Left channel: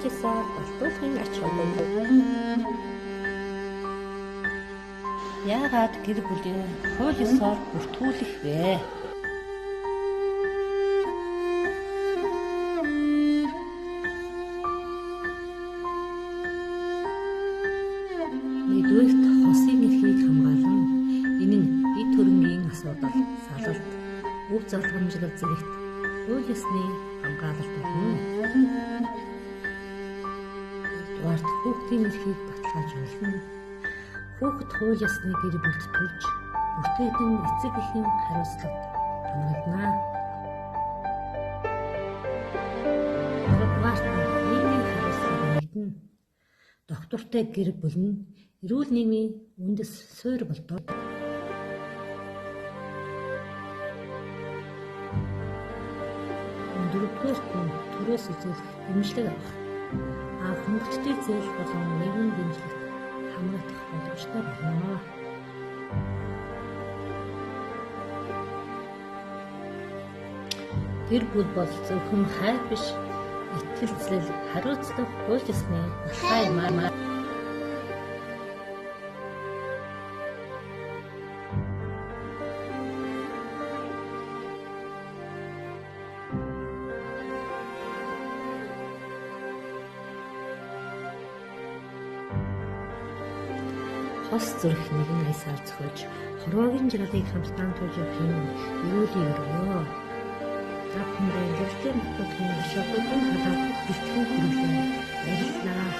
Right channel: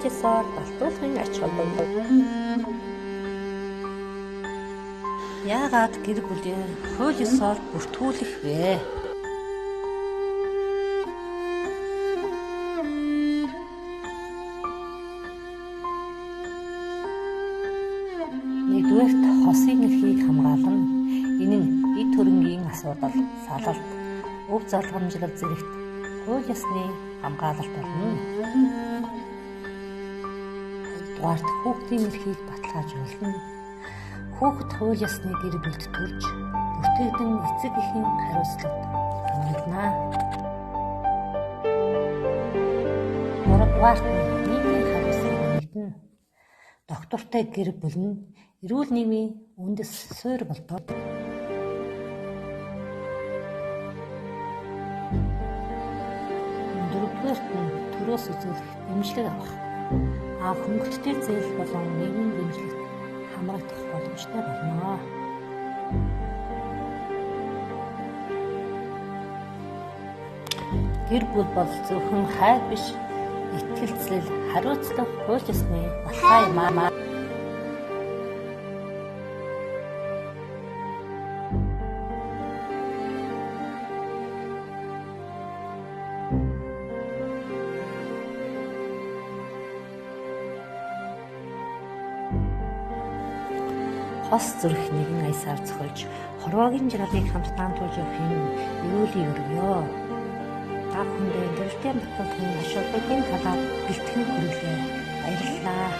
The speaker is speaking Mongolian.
хууль ёсоор батлуулахын ач холбогдол. Яагаад гэр бүлээ хууль ёсоор бүртгүүлэх вэ? Нэгдүгээрт хосын эрхийг хамгаалan энэ нь эд хөрөнгийн асуудал, салалт, өв залгамжлал зэрэгт хууль ёсны хамгаалалт болно. Хоёрдугаарт хүүхдийн эрхийг баталгаажуулна. Хүүхэд хууль ёсны гэр бүлд төрж бүртгэгдэн эцэг эхийн хариуцлагад хамрагдана. Гуравдугаарт нийгмийн хариуцлага нэгдэнэ. Доктортой гэр бүл нь эрүүл нийгмийн үндэс суурь болдог. Дөрөвдүгээрт нь төрөөс үзүүлэх дэмжлэг авах. Хөнгөлөлттэй зээл болон нийгмийн дэмжлэгт хамрагдах боломжтой болно. Гэр бүл бол зөвхөн хайр биш, итгэлцэл, хариуцлага хууль ёсны баталгаа юм аа. Хос зүрх нэгэн аясаар зохиож, хорвоогийн жиргалыг хамтдаа тууж явах юм эрүүлийн өргөё. Та бүхэндээ гэрэлтийн баталгааны ашиглалтын талаар бэлтгэн хүргэлээ. Баярлалаа.